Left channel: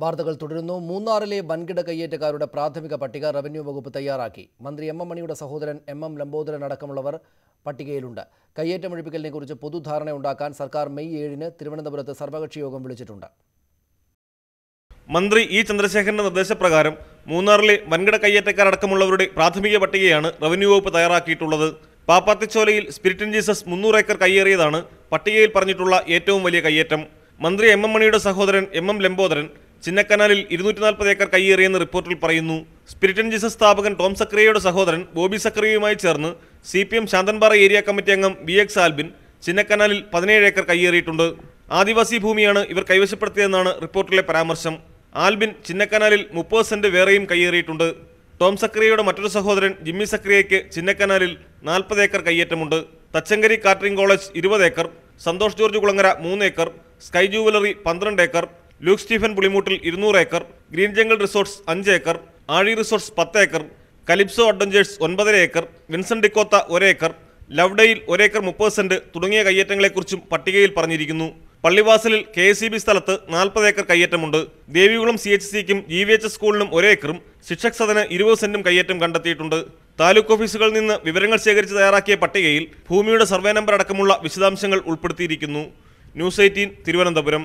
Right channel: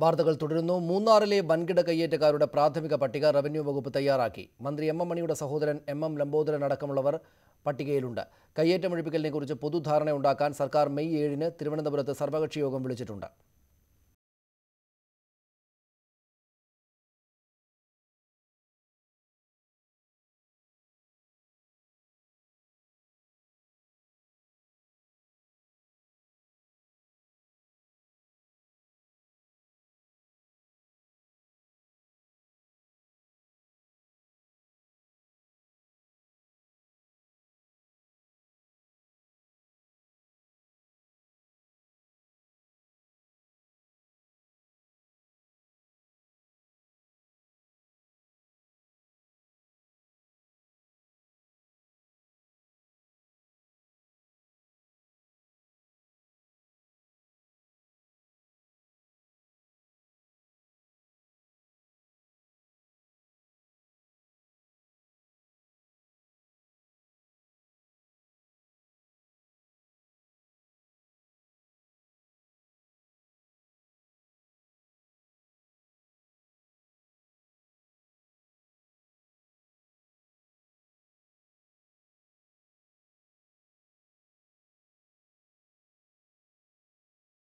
വാർത്തകൾ തുടരുന്നു. മൂന്നാറിലെ വൻകിട കയ്യേറ്റക്കാരുടെ പ്രാഥമിക പട്ടിക റവന്യൂ വകുപ്പ് തയ്യാറാക്കി. മന്ത്രി എം മണിയുടെ സഹോദരൻ എം ലംബോദരൻ അടക്കമുള്ളവർ പട്ടികയിലുണ്ട്. കയ്യേറ്റമൊഴിപ്പിക്കലിനെക്കുറിച്ച് പൊതുധാരണ ഉണ്ടാക്കാൻ സർക്കാർ മെയ് 7-ന് തിരുവനന്തപുരത്ത് സർവകക്ഷി യോഗം വിളിച്ചിട്ടുണ്ട്. മന്ത്രി ഇ ചന്ദ്രശേഖരന്റെ നിർദ്ദേശപ്രകാരം മൂന്നാറിലെ വൻകിട കയ്യേറ്റക്കാരടക്കമുള്ളവരുടെ പ്രാഥമിക പട്ടികയാണ് റവന്യൂ വകുപ്പ് തയ്യാറാക്കിയിട്ടുള്ളത്. പാപ്പാത്തിച്ചോലയിൽ സ്പിരിറ്റ് ഇൻ ജീസസ് 300 ഏക്കർ കയ്യേറിയതാണ് പട്ടികയിൽ പറഞ്ഞിട്ടുള്ള ഏറ്റവും വലിയ കയ്യേറ്റം. മന്ത്രി എം മണിയുടെ സഹോദരൻ എം ലംബോദരൻ ചിന്നക്കനാലിൽ 240 ഏക്കർ കയ്യേറിയെന്ന് റിപ്പോർട്ടിൽ പറയുന്നു. സ്പിരിറ്റ് ഇൻ ജീസസ് സ്ഥാപകൻ ടോം സക്രിയയുടെ സഹോദരൻ ബോബി സക്രിയയുമായി ചേർന്ന് CPM ശാന്തൻപാറ ഏരിയ കമ്മിറ്റി അംഗം BX ആൽബിൻ ചിന്നക്കനാലിൽ 17 ഏക്കർ കയ്യേറിയിട്ടുണ്ട്. ആദിവാസി ഭൂമിയാണ് ഇവർ കൈവശപ്പെടുത്തിയതെന്നാണ് റിപ്പോർട്ടിലെ പരാമർശം. ആൽബിൻ ചിന്നക്കനാലിൽ 30 സെന്റ് വേറെയും കയ്യേറിയിട്ടുണ്ട്. ടോം സക്രിയയുടെ മറ്റൊരു സഹോദരൻ ജിമ്മി സക്രിയയ്ക്ക് ചിന്നക്കനാലിൽ 40 ഏക്കർ കയ്യേറ്റമുണ്ട്. Thachankary catering college 20 acre, Santhosh George Kulangara 3 acre, Sky Jewellery 12 acre, Luke Stephen Pulimoottil 200 acre, Green Jungle Resorts 5 acre, Aazhi Resorts 10 acre, Calypso Adventures 9.5 acre, Vincent Dcotta 1 acre, Lovedale 1 acre 30 cent തുടങ്ങിയ കയ്യേറ്റങ്ങളെക്കുറിച്ചും പട്ടികയിൽ പറഞ്ഞിരിക്കുന്നു. പള്ളിവാസലിൽ KSEB സ്ഥലത്ത് 40 ഏക്കർ കയ്യേറ്റമുണ്ട്. ദേവികുളം CHCക്കും GVHS സ്കൂളിനും 1 ഏക്കറും ശിക്ഷക് സദന് 20 സെന്റും കയ്യേറ്റം കണ്ടെത്തിയിട്ടുണ്ട്. താലൂക്ക് ഓഫീസുകളിൽ നിന്ന് വിവരങ്ങൾ ശേഖരിച്ച് തയ്യാറാക്കിയ പട്ടികയിൽ ഭൂമിയുടെ സർവേ നമ്പർ അടക്കമുള്ള വിശദാംശങ്ങൾ ഉൾപ്പെടുത്തിയിരിക്കുന്നു. ന്യൂസ് 18 തിരുവനന്തപുരം.